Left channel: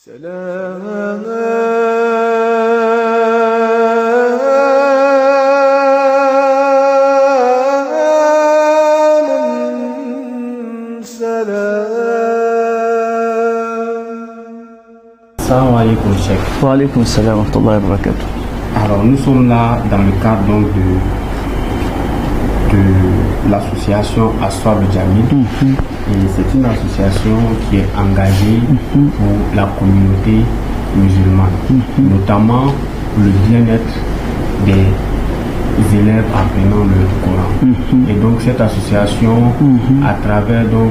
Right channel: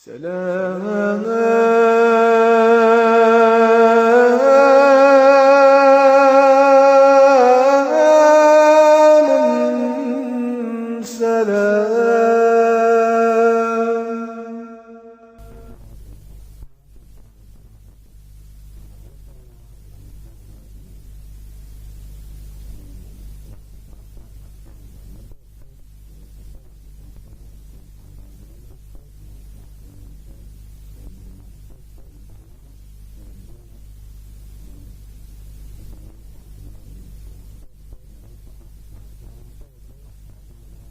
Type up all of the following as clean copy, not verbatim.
Salam alaikum, Cheikh. Wa alaikum salam wa rahmatullahi wa barakatuh. Alors, nous sommes là dans le cadre donc de l'association Aswab Jamil. Et c'est une association qui est engagée pour la communauté musulmane, notamment pour le bien-être des élèves apprenant le Coran. Et donc cette association, à travers donc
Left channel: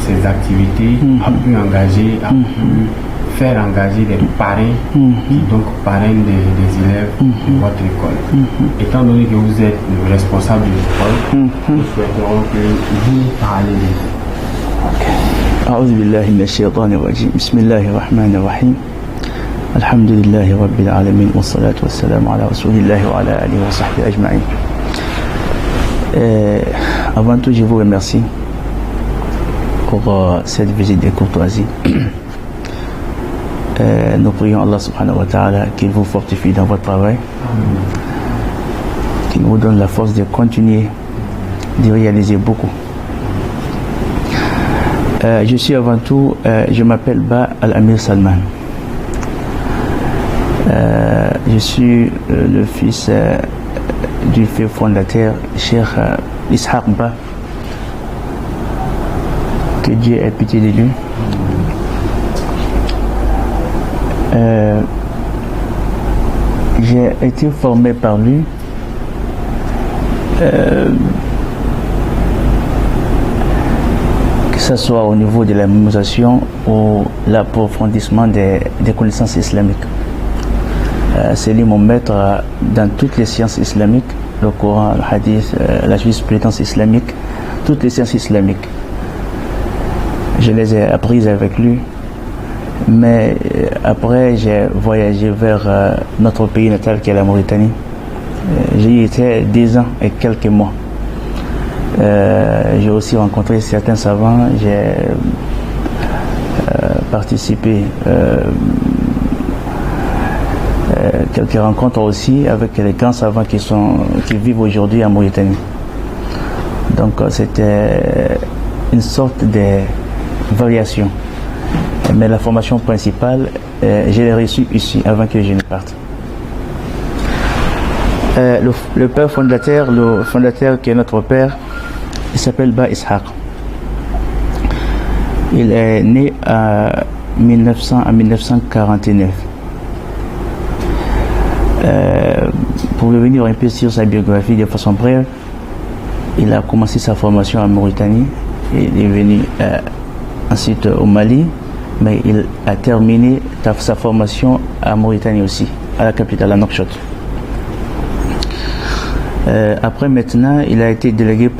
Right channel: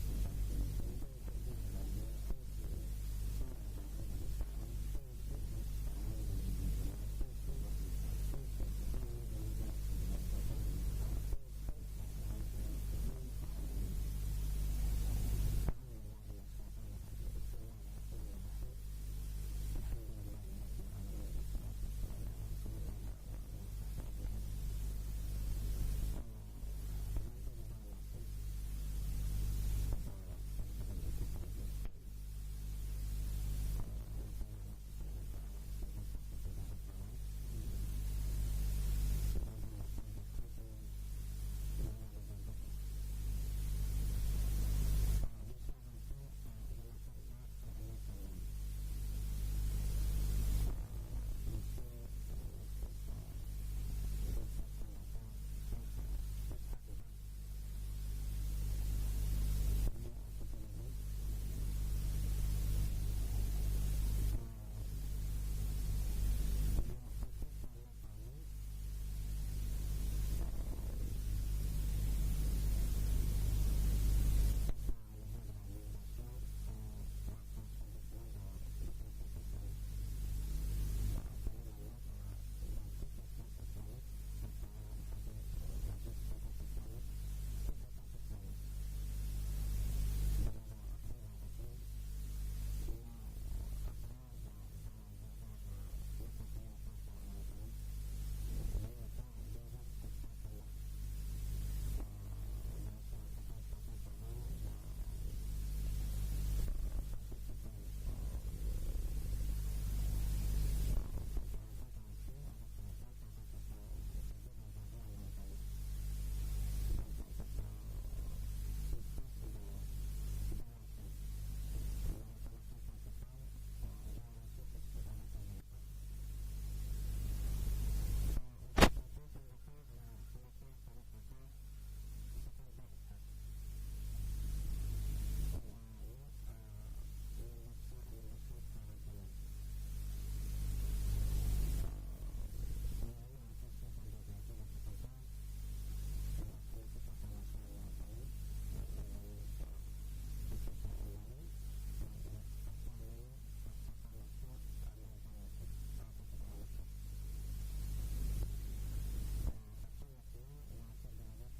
ses activités, a pu engager, a pu faire engager des parrains qui donc parrainent des élèves de votre école. Étant donné que vous êtes le responsable de l'école, nous souhaiterons que vous parlez de vous. أعوذ بالله من الشيطان الرجيم بسم الله الرحمن الرحيم الحمد لله رب العالمين والصلاة والسلام على رسول الله وعلى آله وصحبه أجمعين. Avant tout, je vous remercie pour cette visite de courtoisie. Nous prions Allah subhanahu wa ta'ala qu'il vous fortifie dans votre travail, qu'il vous donne la force de continuer, de réaliser beaucoup. Je suis avant tout, je m'appelle Ba Al-Amir Salman. Je suis le fils du fait fondateur Cheikh Ishaq Ba, que Dieu ait pitié de lui. J'ai été formé par lui que ce soit au niveau de la mémorisation ou l'approfondissement des connaissances islamiques. C'est lui mon maître dans toutes les sciences islamiques, le Coran, le Hadith, la jurisprudence islamique, toutes les sciences islamiques. Je les ai apprises avec lui, mais après j'ai voyagé vers notre pays natal qui est la Mauritanie. J'y étais 10 ans et quelques mois. J'ai aussi rencontré certains savants, j'ai participé quelques rencontres aussi avec les grands savants qui vivent aujourd'hui en Mauritanie. Donc c'était une sorte de variation. Mais la formation principale, je l'ai reçue ici avant que je ne parte. Le père fondateur, le fondateur qui est notre père, il s'appelle Ba Ishaq. Il est né en 1949. Pour revenir un peu sur sa biographie de façon brève, il a commencé sa formation en Mauritanie. Il est venu ensuite au Mali, mais il a terminé sa formation en Mauritanie aussi, à la capitale, à Nouakchott. Après maintenant, il a été délégué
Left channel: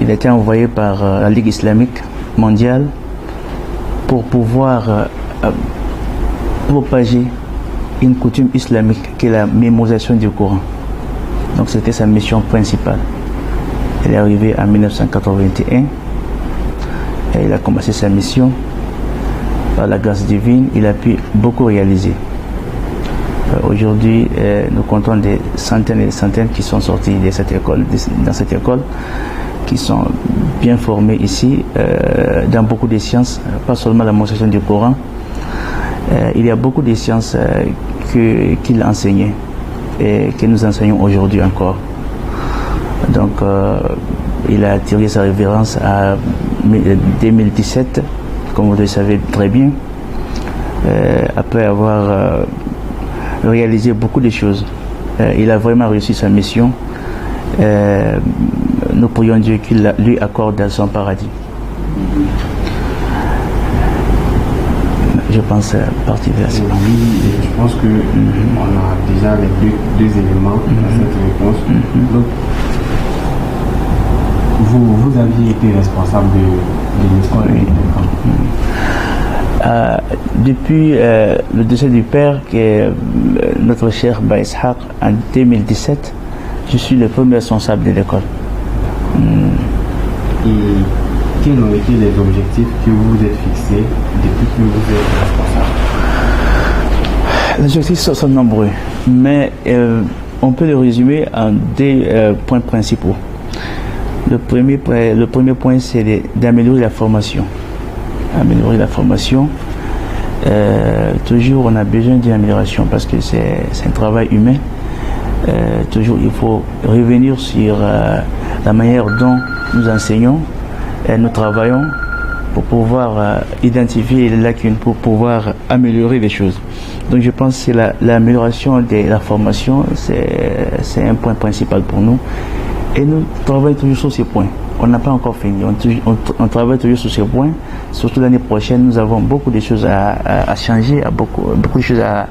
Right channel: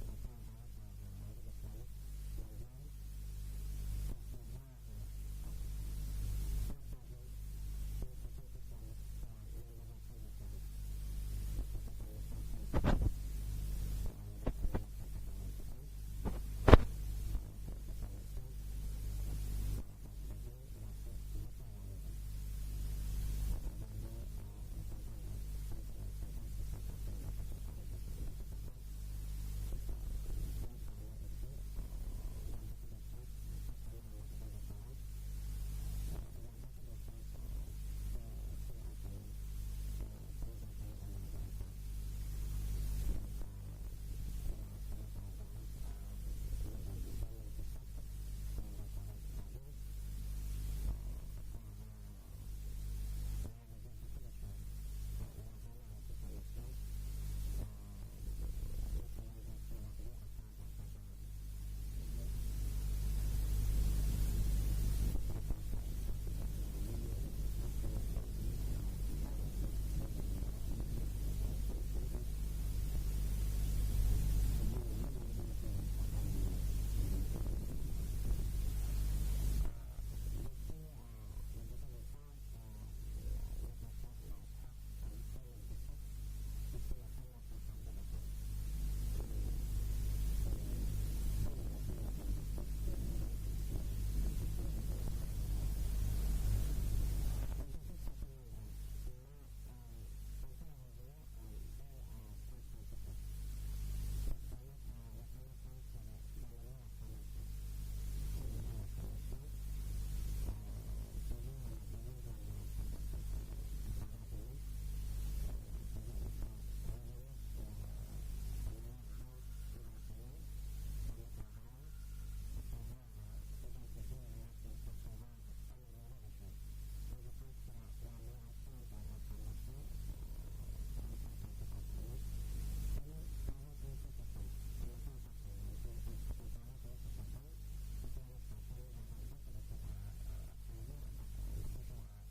il a été envoyé par la Ligue islamique mondiale pour pouvoir propager une coutume islamique qui est la mémorisation du Coran. Donc c'était sa mission principale. Elle est arrivée en 1981 et il a commencé sa mission. Par la grâce divine, il a pu beaucoup réaliser. Aujourd'hui, nous comptons des centaines et des centaines qui sont sortis de cette école, dans cette école, qui sont bien formés ici, dans beaucoup de sciences, pas seulement la mémorisation du Coran. Il y a beaucoup de sciences qu'il enseignait et que nous enseignons aujourd'hui encore. Donc, il a tiré sa révérence en 2017, comme vous le savez très bien, après avoir réalisé beaucoup de choses. Il a vraiment réussi sa mission. Nous prions Dieu qu'il lui accorde son paradis. Je pense partir vers ça. Oui, je pense que on a déjà les deux éléments dans cette réponse. Donc, vous aviez été responsable de l'école. Depuis le décès du père, qui est notre cher Ba Ishaq, en 2017, je suis le premier responsable de l'école. Et quels ont été les objectifs que vous vous êtes fixés depuis que vous êtes responsable? Les objectifs sont nombreux, mais on peut les résumer en deux points principaux. Le premier point, c'est d'améliorer la formation. Améliorer la formation. Toujours, on a besoin d'une amélioration parce que c'est un travail humain. Toujours, il faut revenir sur la manière dont nous enseignons et nous travaillons pour pouvoir identifier les lacunes, pour pouvoir améliorer les choses. Donc je pense que l'amélioration de la formation, c'est un point principal pour nous. Et nous travaillons toujours sur ces points. On n'a pas encore fini. On travaille toujours sur ces points. Surtout l'année prochaine, nous avons beaucoup de choses à changer, beaucoup de choses à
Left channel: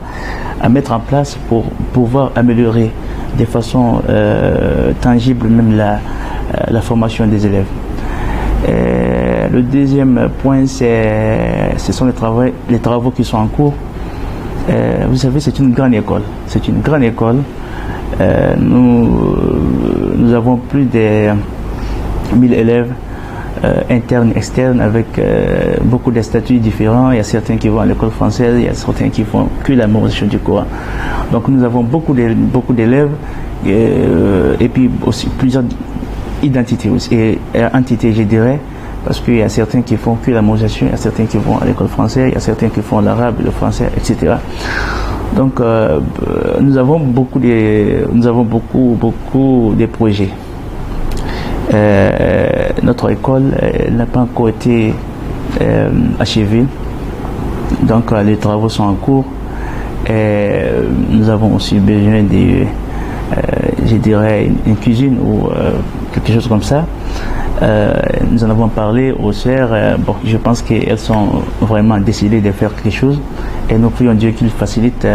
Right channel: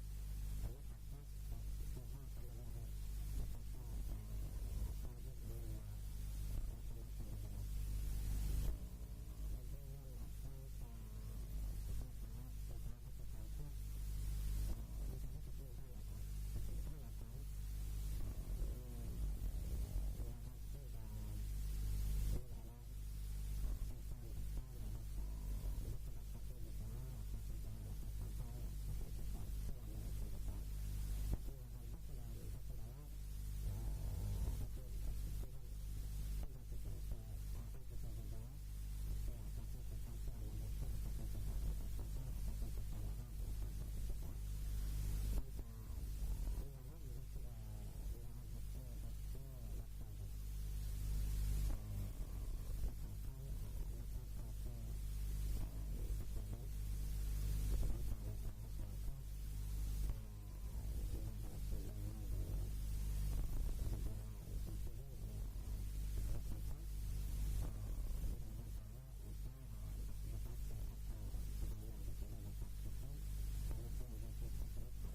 mettre en place pour pouvoir améliorer de façon tangible même la formation des élèves. Le deuxième point, ce sont les travaux qui sont en cours. Vous savez, c'est une grande école. C'est une grande école. Nous avons plus de 1000 élèves internes, externes, avec beaucoup de statuts différents. Il y a certains qui vont à l'école française, il y a certains qui font que la mémorisation du Coran. Donc nous avons beaucoup d'élèves et puis aussi plusieurs identités aussi, et entités, je dirais, parce qu'il y a certains qui font que la mémorisation, il y a certains qui vont à l'école française, il y a certains qui font l'arabe, le français, etc. Donc nous avons beaucoup de projets. Notre école n'a pas encore été achevée, donc les travaux sont en cours. Nous avons aussi besoin de, je dirais, une cuisine ou quelque chose comme ça. Nous en avons parlé aux sœurs. Bon, je pense qu'elles sont vraiment décidées de faire quelque chose et nous prions Dieu qu'il facilite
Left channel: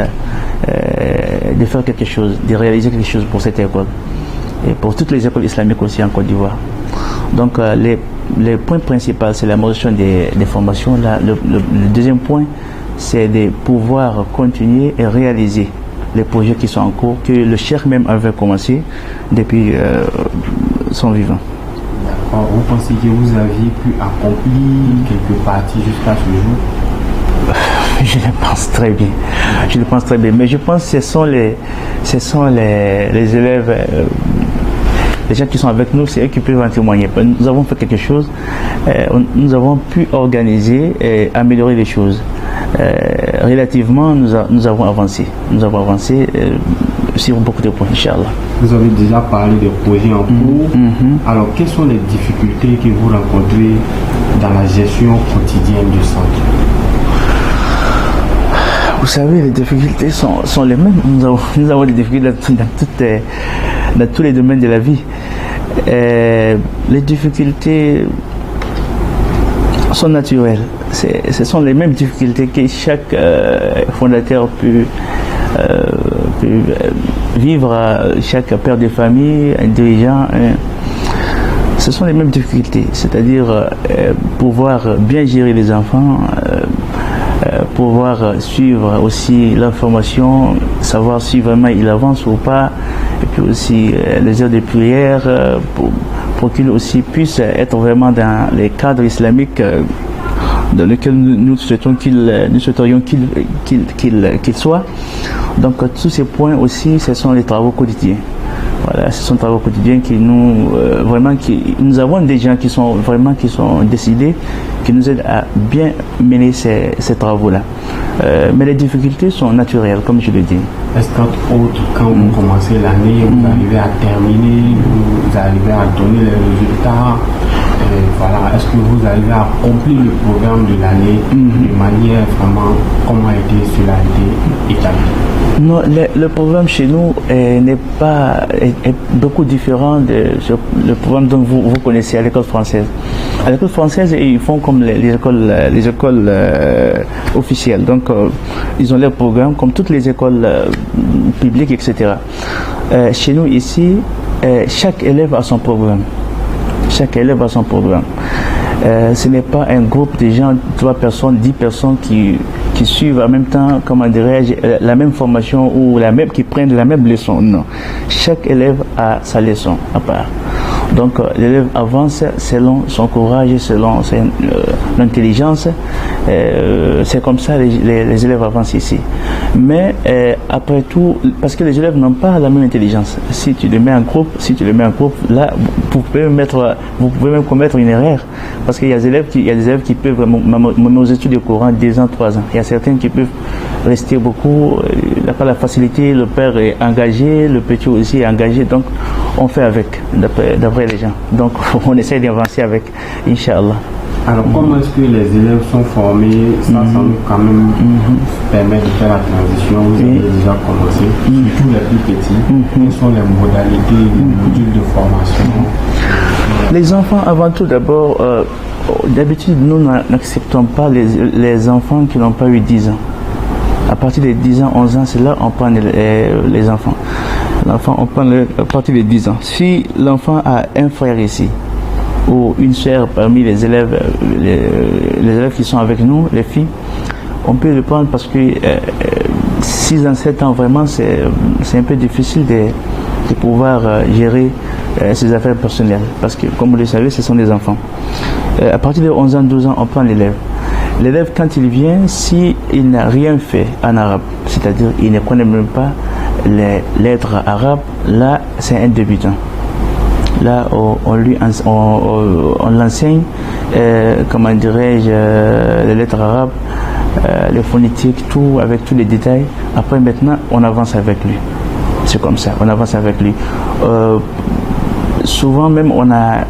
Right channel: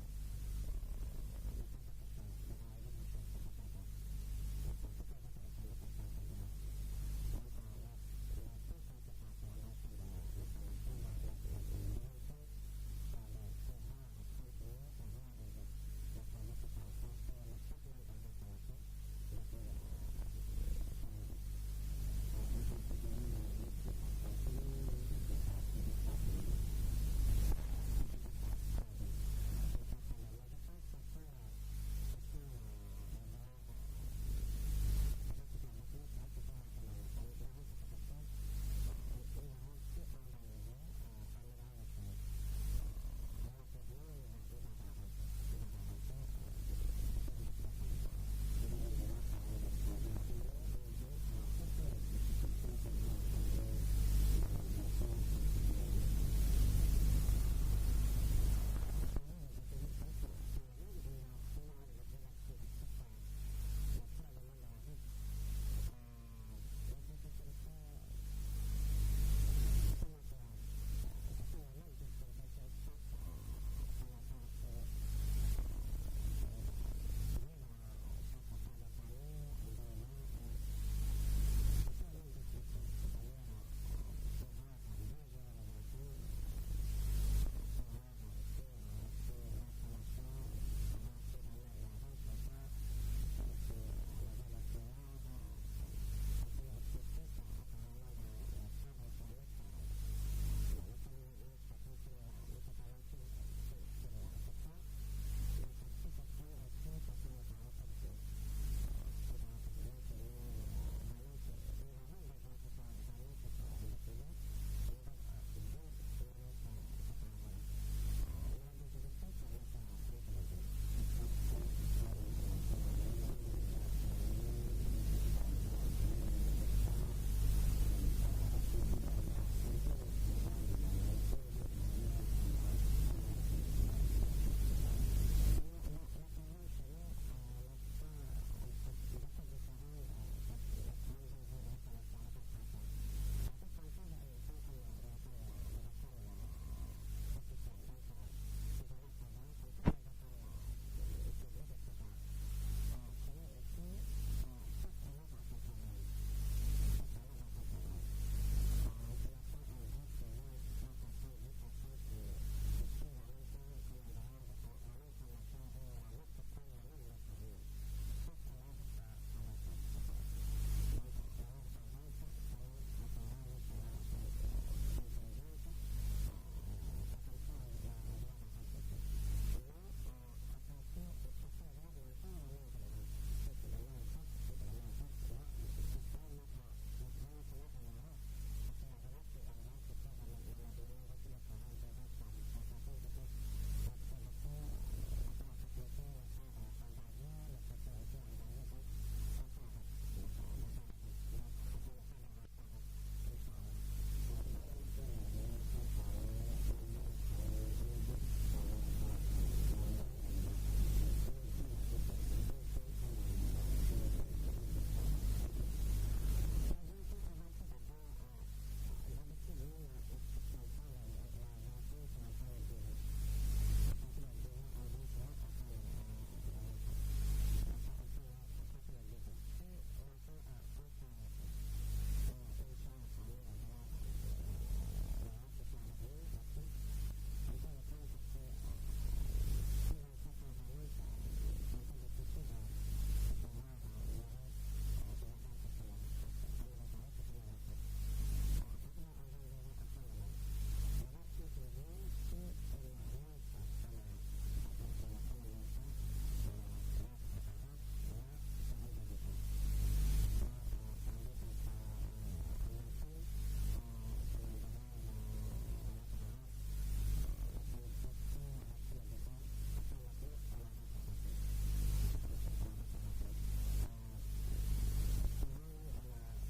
de faire quelque chose, de réaliser quelque chose pour cette école et pour toutes les écoles islamiques aussi en Côte d'Ivoire. Donc les points principaux, c'est la motion des formations. Le deuxième point, c'est de pouvoir continuer et réaliser les projets qui sont en cours, que le cheikh même avait commencé depuis son vivant. Vous pensez que vous aviez pu accomplir quelques parties jusqu'à ce jour? Je le pense très bien. Je le pense très bien. Mais je pense que ce sont les élèves, les gens qui sont avec nous, c'est eux qui peuvent en témoigner. Nous avons fait quelque chose, nous avons pu organiser et améliorer les choses. Relativement, nous avons avancé. Nous avons avancé sur beaucoup de points, Inch'Allah. Vous avez déjà parlé des projets en cours. Alors, quelles sont les difficultés que vous rencontrez dans la gestion quotidienne du centre? Vous savez, les difficultés sont les mêmes. Nous avons des difficultés dans tous les domaines de la vie. Les difficultés sont naturelles. Ce sont les mêmes difficultés que chaque fondateur peut vivre, chaque père de famille, un dirigeant. Ce sont les mêmes difficultés, c'est-à-dire pouvoir bien gérer les enfants, pouvoir suivre aussi leur formation, savoir si vraiment ils avancent ou pas, et puis aussi les heures de prière pour qu'ils aussi puissent être vraiment dans les cadres islamiques dans lesquels nous souhaiterions qu'ils soient. Donc tous ces points aussi, ce sont les travaux quotidiens. Voilà, ce sont des travaux quotidiens qui nous avons des gens qui sont décidés, qui nous aident à bien mener ces travaux-là. Mais les difficultés sont naturelles, comme je le dis. Est-ce qu'entre autres, quand vous commencez l'année, vous arrivez à terminer, vous arrivez à donner les résultats, voilà, est-ce que vous arrivez à accomplir le programme de l'année de manière vraiment comment cela a été établi? Non, le programme chez nous est beaucoup différent le programme dont vous connaissez à l'école française. À l'école française, ils font comme les écoles officielles. Donc, ils ont leur programme comme toutes les écoles publiques, etc. Chez nous ici, chaque élève a son programme. Chaque élève a son programme. Ce n'est pas un groupe de gens, 3 personnes, 10 personnes qui suivent en même temps, comment dirais-je, la même formation ou qui prennent la même leçon. Non. Chaque élève a sa leçon à part. Donc l'élève avance selon son courage, selon son intelligence. C'est comme ça les élèves avancent ici. Mais après tout, parce que les élèves n'ont pas la même intelligence. Si tu les mets en groupe, là, vous pouvez même commettre une erreur. Parce qu'il y a des élèves qui peuvent mémoriser le Coran 2 ans, 3 ans. Il y a certains qui peuvent rester beaucoup. Il n'a pas la facilité, le père est engagé, le petit aussi est engagé. Donc on fait avec, d'après les gens. Donc on essaie d'avancer avec, Inch'Allah. Alors, comment est-ce que les élèves sont formés? Ça nous quand même permet de faire la transition. Vous avez déjà commencé. Surtout les plus petits. Quelles sont les modalités, les modules de formation? Les enfants, avant tout, d'abord, d'habitude, nous n'acceptons pas les enfants qui n'ont pas eu 10 ans. À partir de 10 ans, 11 ans, c'est là qu'on prend les enfants. L'enfant, on prend à partir de 10 ans. Si l'enfant a un frère ici, ou une sœur parmi les élèves qui sont avec nous, les filles, on peut le prendre parce que 6 ans, 7 ans, vraiment, c'est un peu difficile de pouvoir gérer ses affaires personnelles. Parce que, comme vous le savez, ce sont des enfants. À partir de 11 ans, 12 ans, on prend l'élève. L'élève, quand il vient, s'il n'a rien fait en arabe, c'est-à-dire il ne connaît même pas les lettres arabes, là, c'est un débutant. Là, on l'enseigne, comment dirais-je, les lettres arabes, les phonétiques, tout, avec tous les détails. Après, maintenant, on avance avec lui. C'est comme ça, on avance avec lui. Souvent même, on a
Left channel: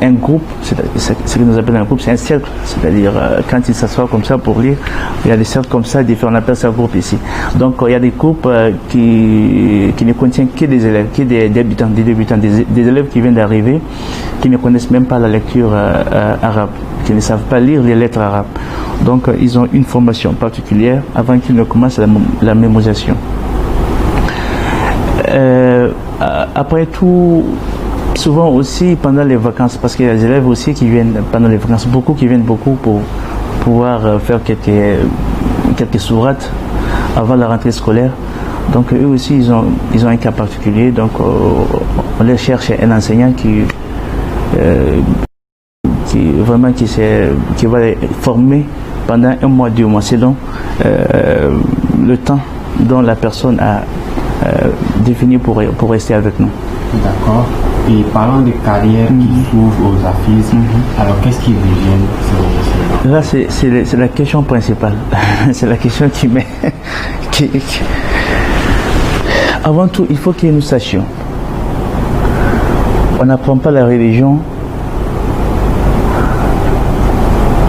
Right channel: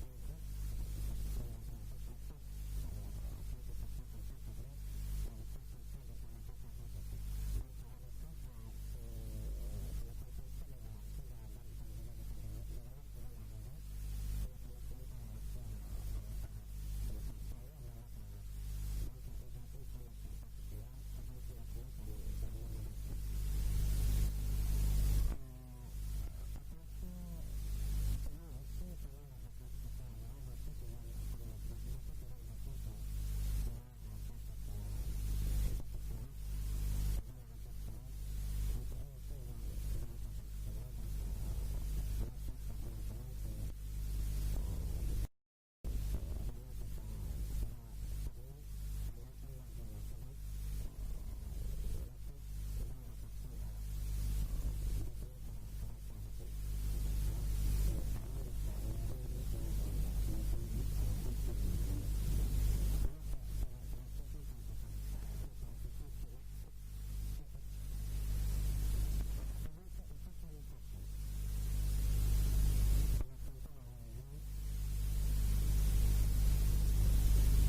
un groupe, ce que nous appelons un groupe, c'est un cercle. C'est-à-dire, quand il s'assoit comme ça pour lire, il y a des cercles comme ça, différents, on appelle ça groupe ici. Donc, il y a des groupes qui ne contiennent que des élèves, que des débutants, des élèves qui viennent d'arriver, qui ne connaissent même pas la lecture arabe, qui ne savent pas lire les lettres arabes. Donc, ils ont une formation particulière avant qu'ils ne commencent la mémorisation. Après tout, souvent aussi pendant les vacances, parce qu'il y a des élèves aussi qui viennent pendant les vacances, beaucoup pour pouvoir faire quelques sourates avant la rentrée scolaire. Donc eux aussi, ils ont un cas particulier. Donc on les cherche un enseignant qui va les former pendant 1 mois, 2 mois, selon le temps dont la personne a défini pour rester avec nous. D'accord. Et parlant de carrières qui s'ouvrent aux affiches, alors qu'est-ce qu'ils deviennent? Là, c'est la question principale. C'est la question qui met. Avant tout, il faut que nous sachions. On n'apprend pas la religion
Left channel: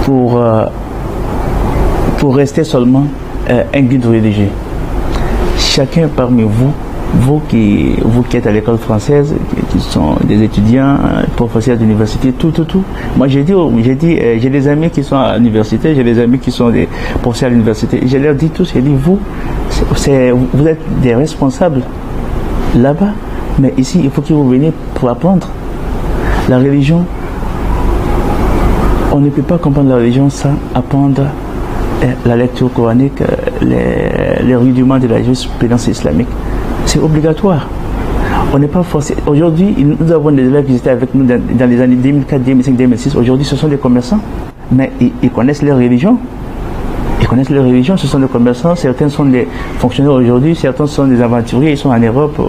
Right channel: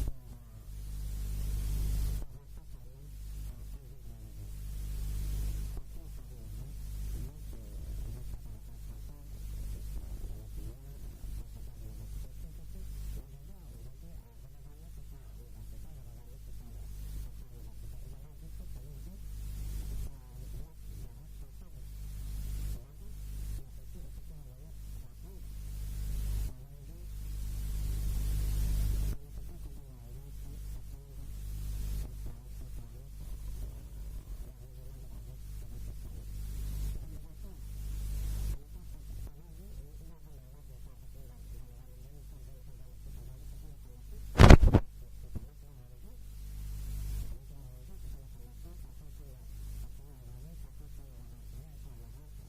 pour rester seulement un guide religieux. Chacun parmi vous qui êtes à l'école française, qui sont des étudiants, professeurs d'université, tout. Moi, j'ai des amis qui sont à l'université, j'ai des amis qui sont des professeurs à l'université. Je leur dis tous, vous êtes des responsables là-bas, mais ici, il faut que vous veniez pour apprendre. La religion, on ne peut pas comprendre la religion sans apprendre la lecture coranique, les rudiments de la jurisprudence islamique. C'est obligatoire. On n'est pas forcé. Aujourd'hui, nous avons des élèves qui étaient avec nous dans les années 2004, 2005, 2006. Aujourd'hui, ce sont des commerçants, mais ils connaissent leur religion. Ce sont des commerçants. Certains sont des fonctionnaires aujourd'hui, certains sont des aventuriers, ils sont en Europe,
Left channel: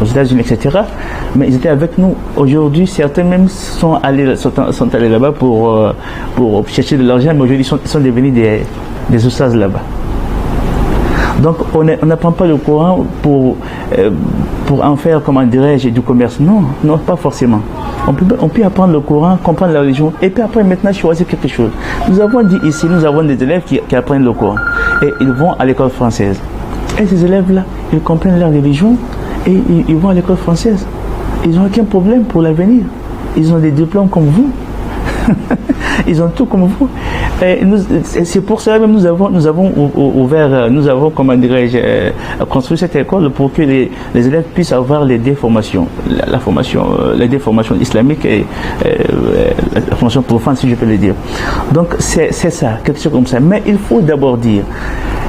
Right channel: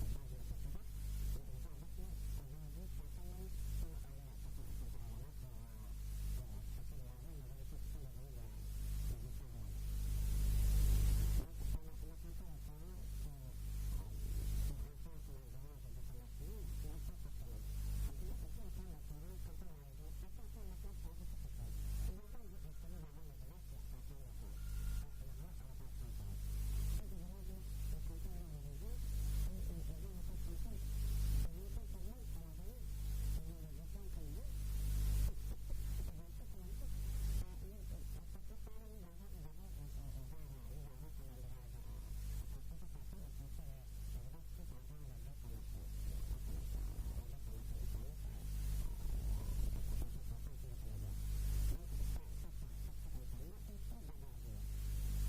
aux États-Unis, etc. Mais ils étaient avec nous. Aujourd'hui, certains même sont allés là-bas pour chercher de l'argent, mais aujourd'hui, ils sont devenus des oustaz là-bas. Donc, on n'apprend pas le Coran pour en faire, comment dirais-je, du commerce. Non, pas forcément. On peut apprendre le Coran, comprendre la religion, et puis après, maintenant, choisir quelque chose. Nous avons dit ici, nous avons des élèves qui apprennent le Coran, et ils vont à l'école française. Et ces élèves-là, ils comprennent leur religion, et ils vont à l'école française. Ils n'ont aucun problème pour l'avenir. Ils ont des diplômes comme vous. Ils ont tout comme vous. C'est pour cela même nous avons comment dirais-je, construit cette école pour que les élèves puissent avoir les deux formations, les deux formations islamiques et la formation profane, si je peux le dire. Donc c'est ça, quelque chose comme ça. Mais il faut d'abord dire,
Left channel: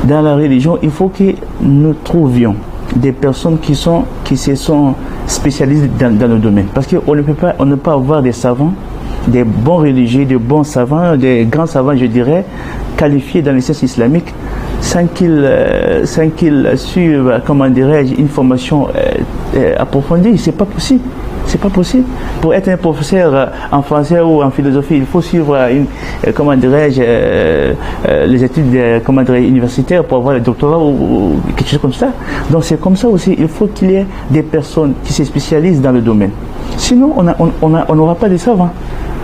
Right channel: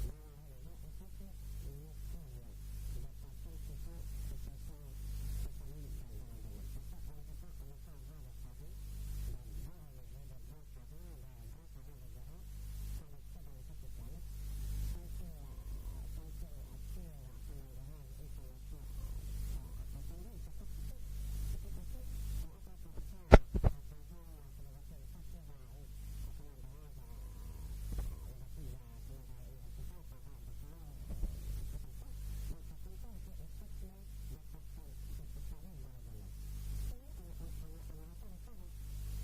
dans la religion, il faut que nous trouvions des personnes qui se sont spécialisés dans le domaine. Parce qu'on ne peut pas avoir des savants, des bons religieux, des bons savants, des grands savants, je dirais, qualifiés dans les sciences islamiques, sans qu'ils suivent, comment dirais-je, une formation approfondie. C'est pas possible. C'est pas possible. Pour être un professeur en français ou en philosophie, il faut suivre comment dirais-je, les études universitaires pour avoir le doctorat ou quelque chose comme ça. Donc c'est comme ça aussi. Il faut qu'il y ait des personnes qui se spécialisent dans le domaine. Sinon, on n'aura pas de savants.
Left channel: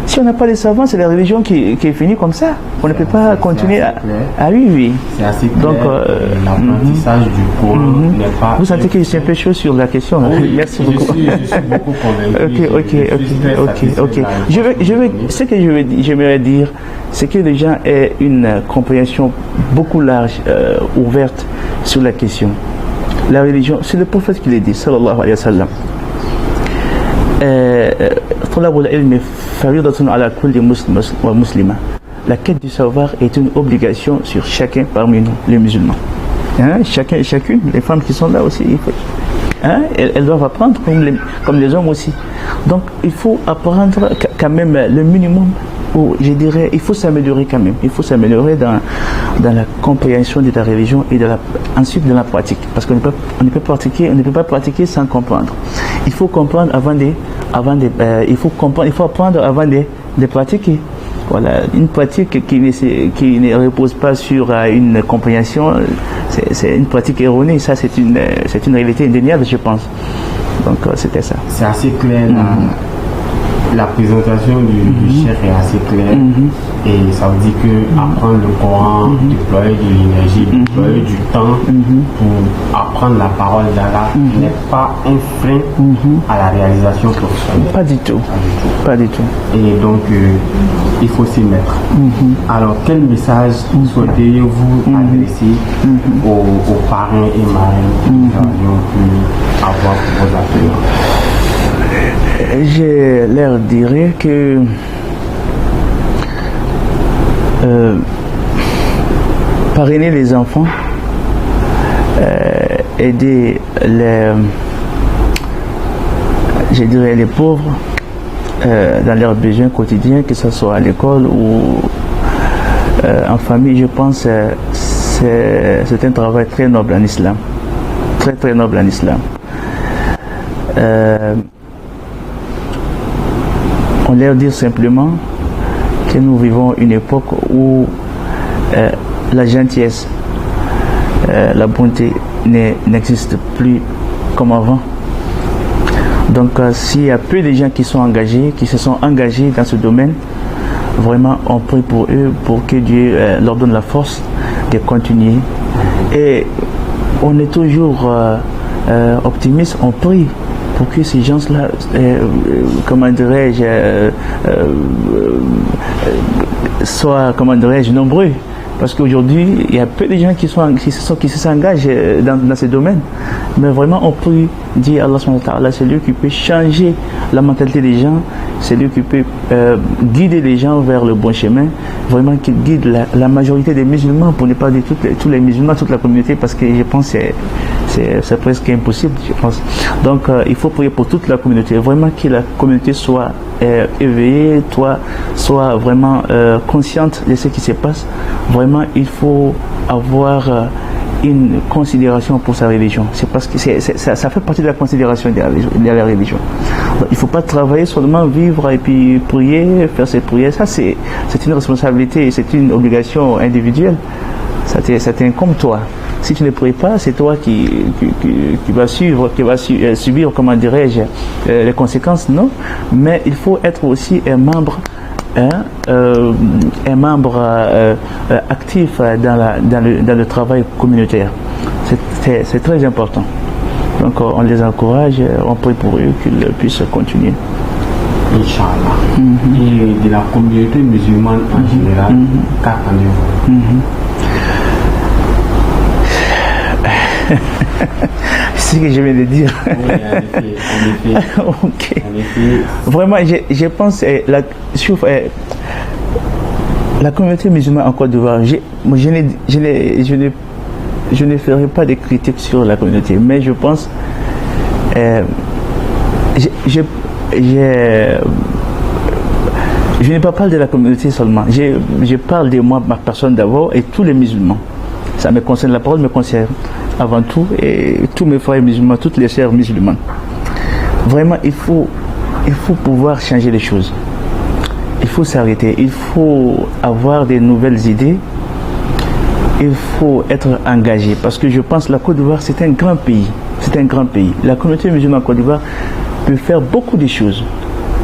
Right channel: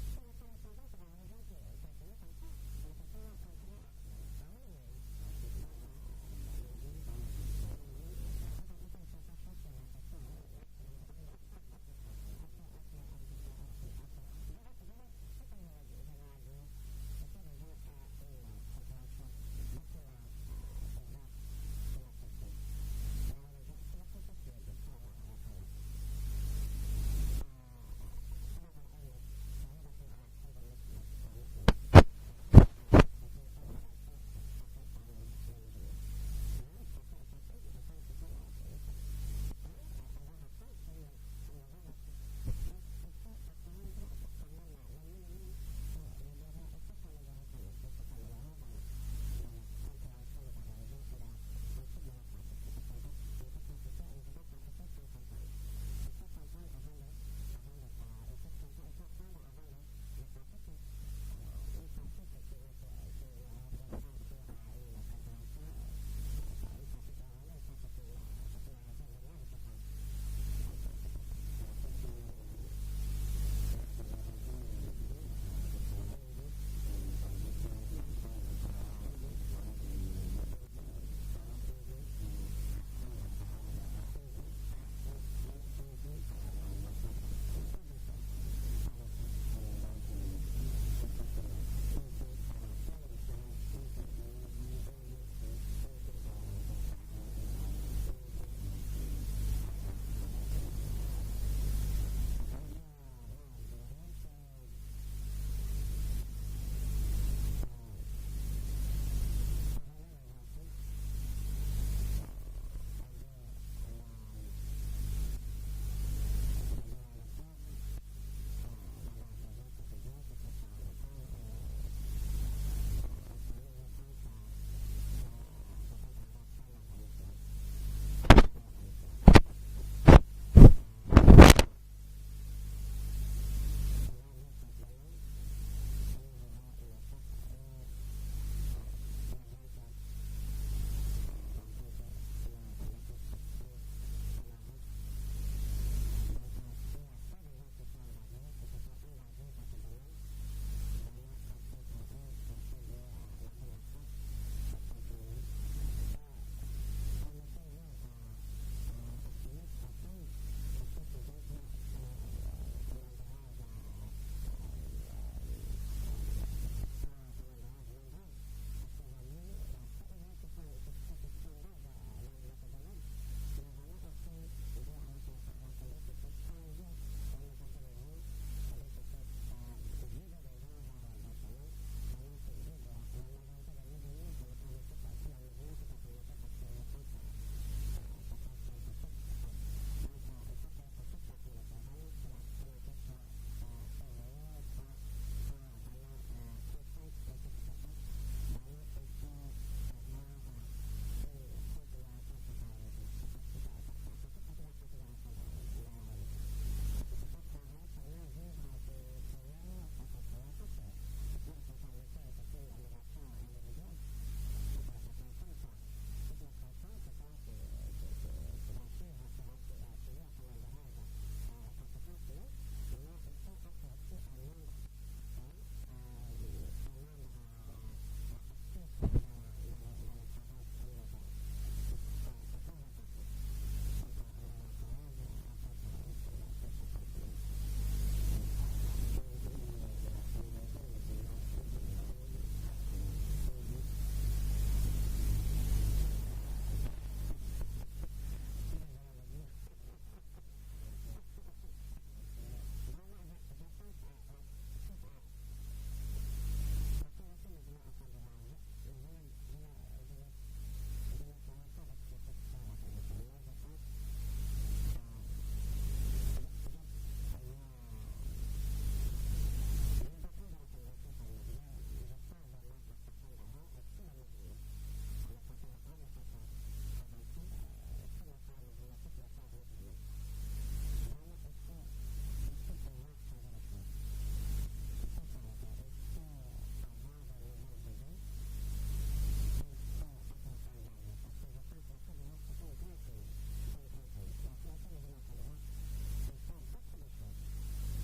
Si on n'a pas de savants, c'est la religion qui est finie comme ça. On ne peut pas continuer à... Ah oui. C'est assez clair. Donc, l'apprentissage du Coran n'est pas... Vous sentez que je suis un peu chaud sur la question. Oui, merci beaucoup. Je suis beaucoup convaincu. Ok. Ce que j'aimerais dire, c'est que les gens aient une compréhension beaucoup large, ouverte sur la question. La religion, c'est le prophète qui l'a dit, sallallahu alayhi wa sallam. La quête du savoir est une obligation sur chacun parmi nous, les musulmans. Chacune, les femmes qui sont là aussi, elles doivent apprendre comme les hommes aussi. Donc il faut apprendre quand même le minimum, ou je dirais, il faut s'améliorer quand même. Il faut s'améliorer dans la compréhension de la religion et ensuite dans la pratique. Parce qu'on ne peut pas pratiquer sans comprendre. Il faut comprendre il faut apprendre avant de pratiquer. Voilà, une pratique qui ne repose pas sur une compréhension, c'est une pratique erronée. Ça, c'est une réalité indéniable, je pense. Donc, c'était ça. C'est assez clair. La présentation du chef est assez claire et ça veut dire que apprendre le Coran, déployer de l'énergie, déployer du temps pour apprendre la parole d'Allah n'est pas un frein à la réalisation professionnelle. Pas du tout. Et donc il faut s'y mettre. Alors quel message souhaiteriez-vous adresser aux parrains et marraines que nous aurions pu avoir pour vos apprenants? Je leur dirais que parrainer les enfants, aider les pauvres dans leurs besoins quotidiens, que ce soit à l'école ou en famille, je pense que c'est un travail très noble en islam. Très très noble en islam. On leur dit simplement que nous vivons une époque où la gentillesse, la bonté n'existe plus comme avant. Donc s'il y a peu de gens qui se sont engagés dans ce domaine, vraiment on prie pour eux, pour que Dieu leur donne la force de continuer. Et on est toujours optimiste, on prie pour que ces gens-là, comment dirais-je, soient, comment dirais-je, nombreux. Parce qu'aujourd'hui, il y a peu de gens qui s'engagent dans ce domaine. Mais vraiment, on peut dire Allah subhanahu wa ta'ala, c'est lui qui peut changer la mentalité des gens, c'est lui qui peut guider les gens vers le bon chemin. Vraiment, qu'il guide la majorité des musulmans, pour ne pas dire tous les musulmans, toute la communauté, parce que je pense que c'est presque impossible, je pense. Donc, il faut prier pour toute la communauté. Vraiment que la communauté soit éveillée, soit vraiment consciente de ce qui se passe. Vraiment, il faut avoir une considération pour sa religion. C'est parce que ça fait partie de la considération de la religion. Donc, il ne faut pas travailler, seulement vivre et puis prier, faire ses prières. Ça, c'est une responsabilité, c'est une obligation individuelle. Ça t'incombe toi. Si tu ne pries pas, c'est toi qui vas subir, comment dirais-je, les conséquences, non. Mais il faut être aussi un membre actif dans le travail communautaire. C'est très important. Donc on les encourage, on prie pour eux qu'ils puissent continuer. Inch'Allah. Et de la communauté musulmane en général, qu'attendez-vous? C'est ce que je viens de dire. Oui, en effet. Ok. En effet. Vraiment, je pense la communauté musulmane en Côte d'Ivoire, je ne ferai pas de critiques sur la communauté, mais je pense Je n'ai pas parlé de la communauté seulement. Je parle de moi, ma personne d'abord, et tous les musulmans. Ça me concerne, la parole me concerne avant tout, et tous mes frères musulmans, toutes les sœurs musulmanes. Vraiment, il faut pouvoir changer les choses. Il faut s'arrêter. Il faut avoir des nouvelles idées. Il faut être engagé. Parce que je pense que la Côte d'Ivoire, c'est un grand pays. C'est un grand pays. La communauté musulmane en Côte d'Ivoire peut faire beaucoup de choses.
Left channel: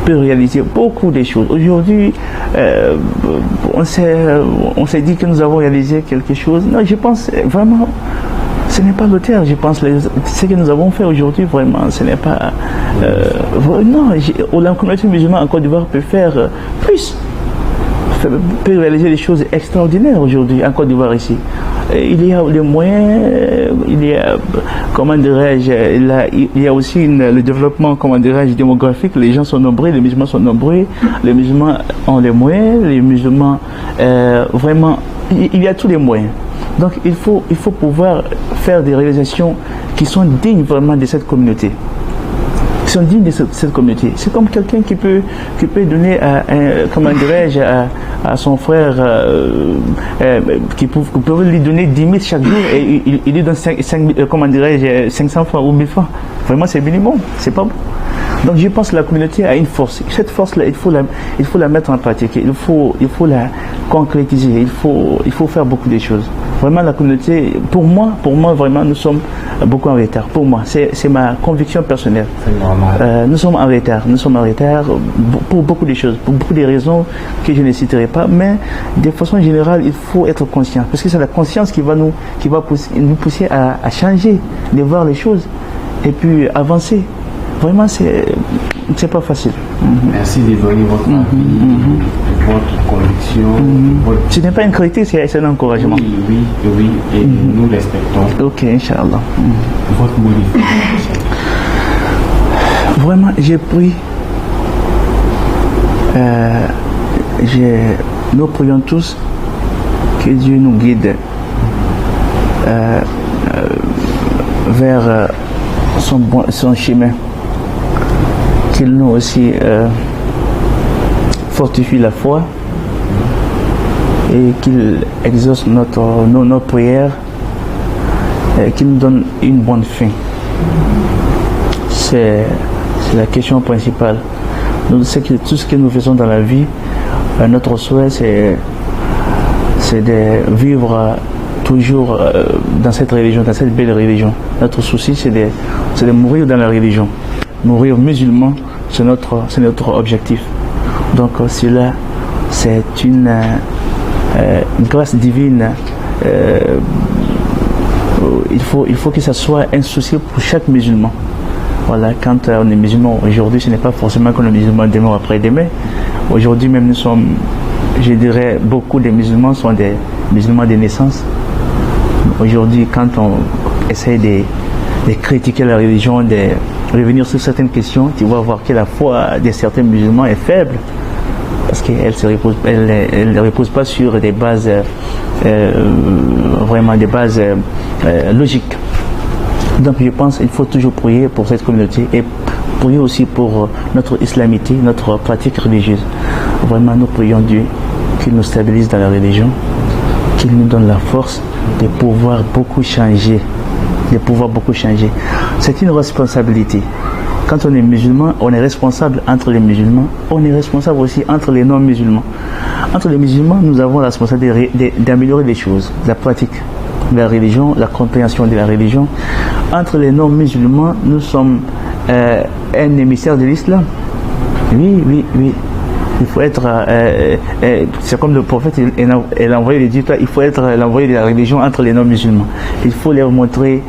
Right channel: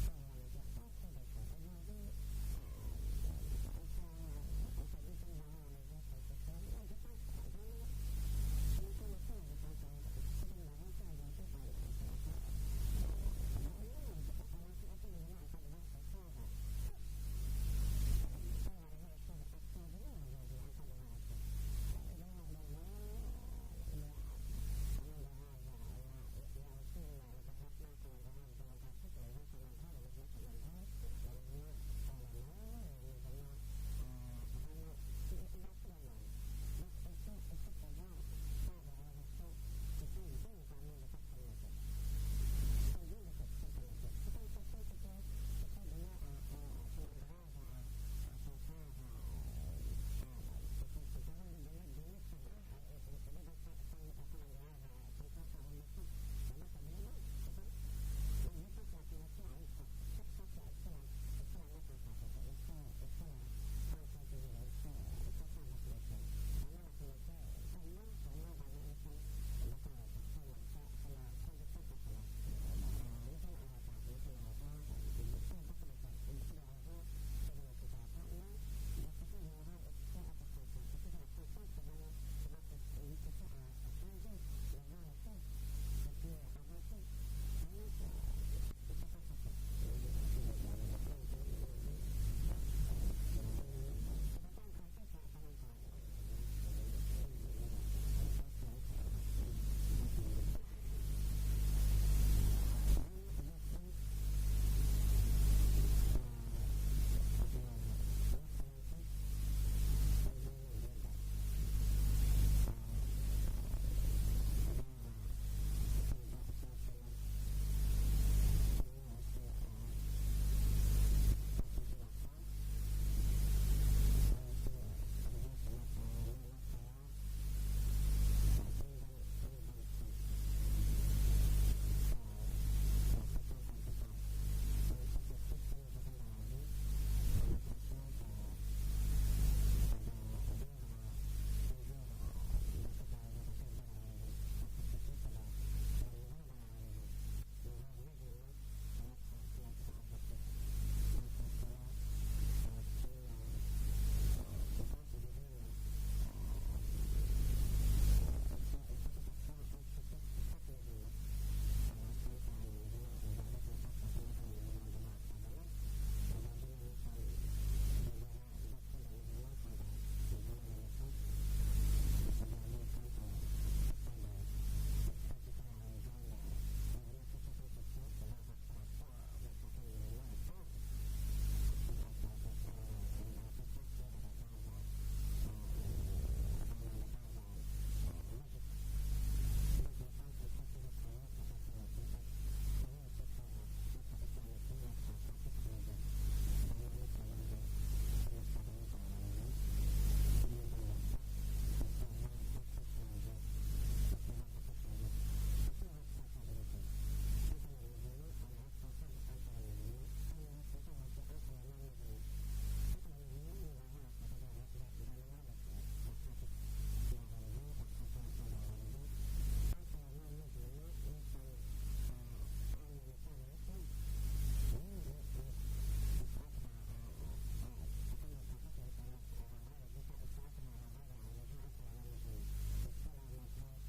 Peut réaliser beaucoup de choses. Aujourd'hui, on s'est dit que nous avons réalisé quelque chose. Non, je pense vraiment, ce n'est pas l'auteur. Je pense ce que nous avons fait aujourd'hui, vraiment, ce n'est pas... non, la communauté musulmane en Côte d'Ivoire peut faire plus. Peut réaliser des choses extraordinaires aujourd'hui en Côte d'Ivoire ici. Il y a les moyens, il y a, comment dirais-je, il y a aussi le développement, comment dirais-je, démographique. Les gens sont nombreux, les musulmans sont nombreux, les musulmans ont les moyens, les musulmans, vraiment, il y a tous les moyens. Donc il faut pouvoir faire des réalisations qui sont dignes vraiment de cette communauté. Qui sont dignes de cette communauté. C'est comme quelqu'un qui peut donner comment dirais-je, à son frère, qui peut lui donner 10 000 chaque jour et il lui donne 500 francs ou 1000 francs. Vraiment, c'est minimum, c'est pas bon. Donc je pense que la communauté a une force. Cette force-là, il faut la mettre en pratique. Il faut la concrétiser. Il faut faire beaucoup de choses. Vraiment, la communauté, pour moi, vraiment, nous sommes beaucoup en retard. Pour moi, c'est ma conviction personnelle. C'est normal. Nous sommes en retard pour beaucoup de choses, pour beaucoup de raisons que je ne citerai pas. Mais de façon générale, il faut être conscient. Parce que c'est la conscience qui va nous pousser à changer, de voir les choses et puis avancer. Vraiment, c'est pas facile. Merci de donner votre avis, votre conviction. Ce n'est pas une critique, c'est un encouragement. Oui, et nous respectons. Ok, Inch'Allah. Votre mot de fin. Vraiment, j'ai pris. Nous prions tous que Dieu nous guide vers son chemin. Qu'il nous aussi fortifie la foi et qu'il exauce nos prières et qu'il nous donne une bonne fin. C'est la question principale. Nous savons que tout ce que nous faisons dans la vie, notre souhait c'est de vivre toujours dans cette religion, dans cette belle religion. Notre souci c'est de mourir dans la religion. Mourir musulman, c'est notre objectif. Donc cela, c'est une grâce divine. Il faut que ça soit un souci pour chaque musulman. Voilà, quand on est musulman aujourd'hui, ce n'est pas forcément qu'on est musulman demain ou après-demain. Aujourd'hui même, nous sommes, je dirais, beaucoup des musulmans sont des musulmans de naissance. Aujourd'hui, quand on essaie de critiquer la religion, de revenir sur certaines questions, tu vas voir que la foi de certains musulmans est faible parce qu'elle ne repose pas sur des bases vraiment des bases logiques. Donc je pense qu'il faut toujours prier pour cette communauté et prier aussi pour notre islamité, notre pratique religieuse. Vraiment nous prions Dieu qu'il nous stabilise dans la religion, qu'il nous donne la force de pouvoir beaucoup changer. C'est une responsabilité. Quand on est musulman, on est responsable entre les musulmans, on est responsable aussi entre les non-musulmans. Entre les musulmans, nous avons la responsabilité d'améliorer les choses, la pratique de la religion, la compréhension de la religion. Entre les non-musulmans, nous sommes un émissaire de l'islam. Oui. Il faut être, c'est comme le prophète, il a envoyé les dieux, il faut être l'envoyé de la religion entre les non-musulmans. Il faut leur montrer,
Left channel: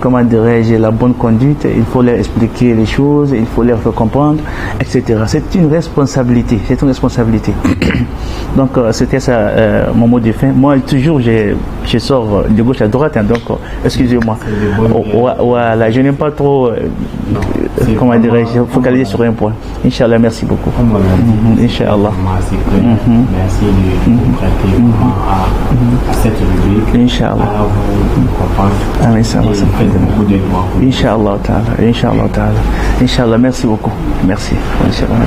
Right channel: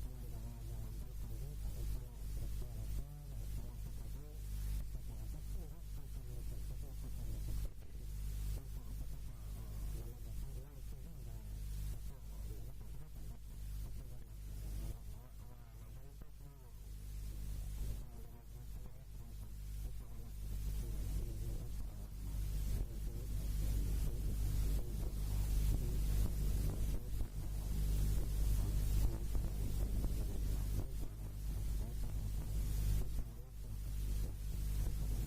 comment dirais-je, la bonne conduite, il faut leur expliquer les choses, il faut leur faire comprendre, etc. C'est une responsabilité, Donc, c'était ça mon mot de fin. Moi, toujours, je sors de gauche à droite, hein, donc, excusez-moi. Voilà, je n'aime pas trop, comment dirais-je, focaliser sur un point. Inch'Allah, merci beaucoup. Inch'Allah. Merci de vous prêter à cette rubrique. Inch'Allah. Inch'Allah ta'ala. Inch'Allah ta'ala. Inch'Allah, merci beaucoup. Merci. Inch'Allah.